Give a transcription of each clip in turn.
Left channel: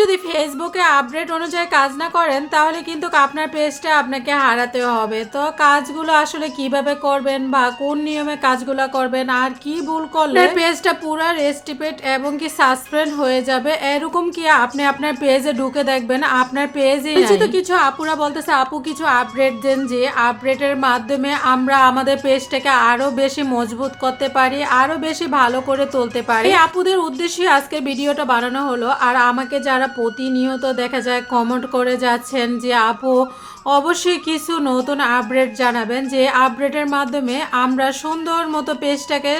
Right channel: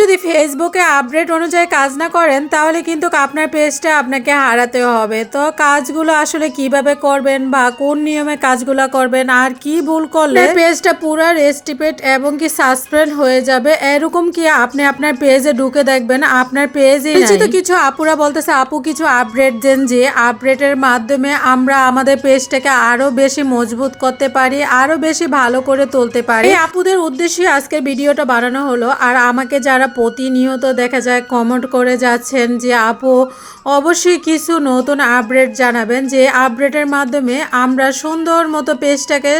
যদি ফেসবুকে আপডেট অনুযায়ী কাজ না করেন তাহলে কিন্তু আপনার পেজটা আপনাকে হারাতে হবে। তো কাজগুলো আসলে কীভাবে করবেন বা কোন নিয়মে কাজগুলো করবেন আর কি ভুল করলে পেজটা পুরো রেস্টিপেট এবং কি সাসপেন্ড হয়ে যাবে এরকম কি আপনি আপনার পেজে ঢুকে দেখবেন? আপনার পেজে তো কিছু আপুরা বলতেছে আপু কিছু আপডেট দেন যে আপডেটের মাধ্যমে আমরা আমাদের পেজটাকে আরও বেশি মজবুত করতে পারি আরও বেশি ভালো করে তুলতে পারি। আপুদের উদ্দেশ্যে আজকের ভিডিওটা বানানো হলো আর আমাকে যারা প্রতিনিয়ত দেখা যায় কমেন্ট করে যাচ্ছেন যে, আপু, অবশ্যই কিছু নতুন আপডেট জানাবেন যে আপডেটের মাধ্যমে আমরা সুন্দর মতো পেজটাকে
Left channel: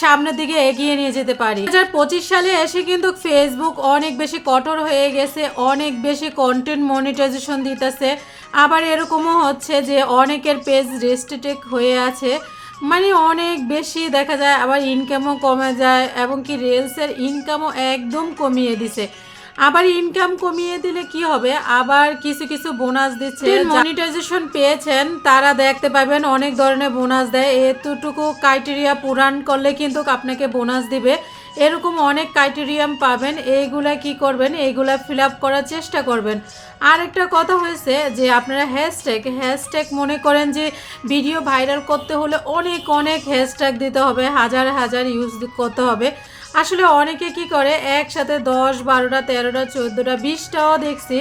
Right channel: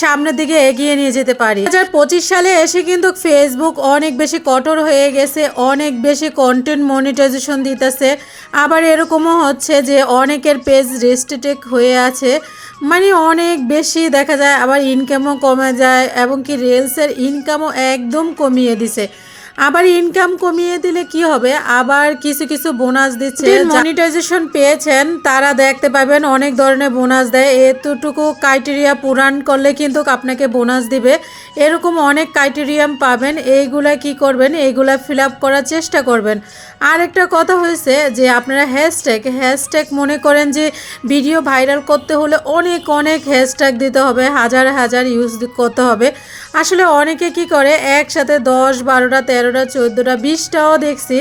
সামনের দিকে এগিয়ে নিয়ে যেতে পারি। দু হাজার পঁচিশ সালে এসে কিন্তু ফেসবুক অনেক বেশি কঠোর হয়ে গেছে, অনেক বেশি কন্টেন্ট মনিটাইজেশন দিতেছে। আবার এরকমও হচ্ছে যে, অনেকের পেজ রেস্ট্রিক্টেড হয়ে আছে। মানে অনেক বেশি দেখা যায়, আবার ইনকামও কমে যায় এবং কি রিলসের ইনকামও একদম কমিয়ে দিছে। আবার ইনকাম কমিয়ে দিলে কি হবে? আবার কিছু কিছু বোনাস দিচ্ছে। মনিটাইজেশন পেয়েছেন তারা দেখতে পাবেন অনেক ধরনের বোনাস দেয়। এতটুকু ক্রাইটেরিয়া পূরণ করলে কিন্তু আপনাকে বোনাস দিবে। এরকম অনেক ক্রাইটেরিয়াম পাবেন। এইগুলা কি করবেন? এইগুলা ফিল আপ করার চেষ্টা করবেন। আর একটা কথা হয়েছে যে আপনারা হ্যাশট্যাগ হ্যাশট্যাগ মনে করেন যে ভিডিও ভাইরাল করতে হলে অনেক অনেক হ্যাশট্যাগ দিতে হবে, হাজার হাজার ইউজ করতে হবে। আসলে অনেকে কি করে, একসাথে দশ, বারোটা, তেরোটা, চোদ্দোটা, বিশটাও দেখছি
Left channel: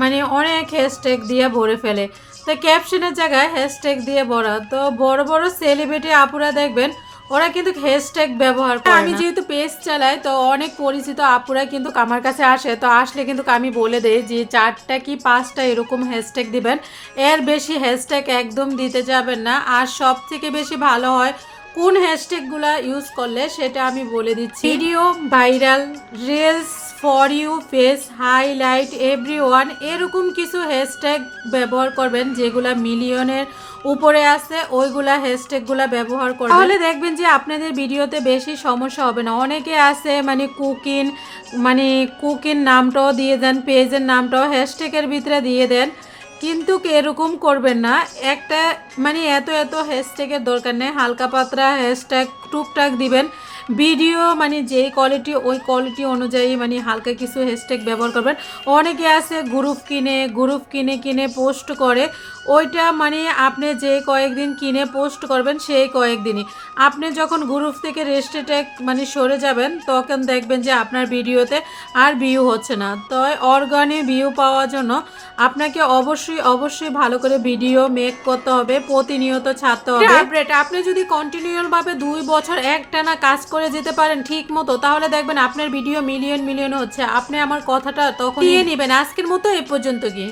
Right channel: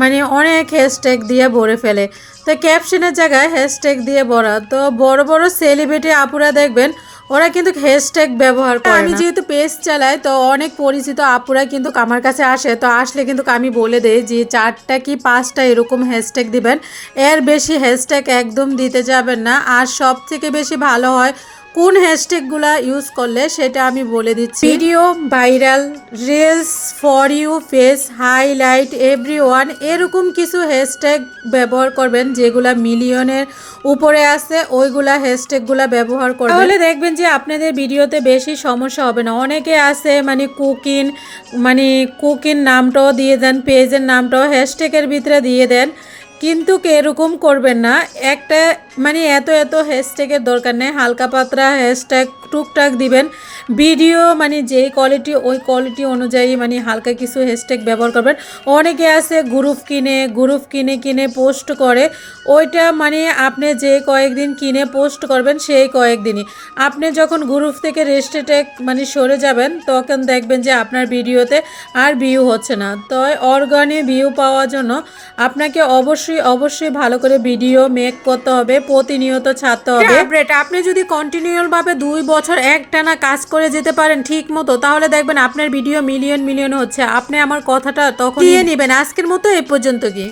মানে অনেক হ্যাশট্যাগ দিয়ে ভরে ফেলে। তো ক্যাপশনের জায়গায় হ্যাশট্যাগ দিয়ে ভরা। তো বড় বড় সেলিব্রিটি আপুরা দেখবেন ওরা কিন্তু হ্যাশট্যাগ ব্যবহার করে আমি যেহেতু পেজ চালাই তো অনেক পরিচিত আপুরা কিন্তু আমার কাছে আসে। তো আসলে কিন্তু আমি বলে দেই যে চারটা কি পাঁচটা এরকম হ্যাশট্যাগ দিবেন। এর বেশি হ্যাশট্যাগ একদম দিতে যাবেন না। আর সব থেকে বেশি ভালো হয় কোন হ্যাশট্যাগুলো ইউজ করলে সেটা আমি বলে দিচ্ছি। Video viral reels for you face highlight every one এরকম কিছু হ্যাশট্যাগ ব্যবহার করবেন যেগুলা মিলিয়নের উপরে আছে, ওইগুলা হ্যাশট্যাগুলা ব্যবহার করবেন। তাহলে দেখবেন যে আপনাদের ভিডিওতে বেশি সমস্যা হবে না। অনেকে আছে মানে কুকিং মানে কুকিং নামটাও দিয়ে দেন, পেজের নামটাও হ্যাশট্যাগের ভিতরে দিয়ে দেন। কিন্তু এরকম করবেন না? একটা মানে এত এত হ্যাশট্যাগের দরকার নেই। হালকা পাতলা হ্যাশট্যাগ টুকটাক দিবেন। ভিডিও মানে যে কোয়ালিটি ওই কোয়ালিটি অনুযায়ী মানে হালকা কিছু হ্যাশট্যাগ ব্যবহার করবেন। অনেকে আছে গ্রুপ কিনে গ্রুপ কিনে কিনে পোস্ট করে। ওইটা মানে আপনি যে কয়েকদিন কিনে পোস্ট করবেন সেই কয়েকদিনই। আপনি যখন গ্রুপ থেকে রেস্টেটেক মানে সরে যাবেন তখন দেখবেন যে আপনার ভিডিওতে আর ভিউ হচ্ছে না। তো অর্গানে ভিউ পাওয়ার জন্য আপনাকে অবশ্যই অবশ্যই ভালো করে ভিডিও মেক করতে হবে প্রতিনিয়ত ছাড়তে হবে। আপনি যদি কন্টিনিউয়াসভাবে দুই বছর একটানা কাজ করে যেতে পারেন ঠিক মতো তাহলে দেখবেন আপনার ভিডিও মিলিয়ন মিলিয়ন হচ্ছে। আপনি আমার কথাটা তখন নিয়ে নেবেন। আজকের মতো এই পর্যন্ত কি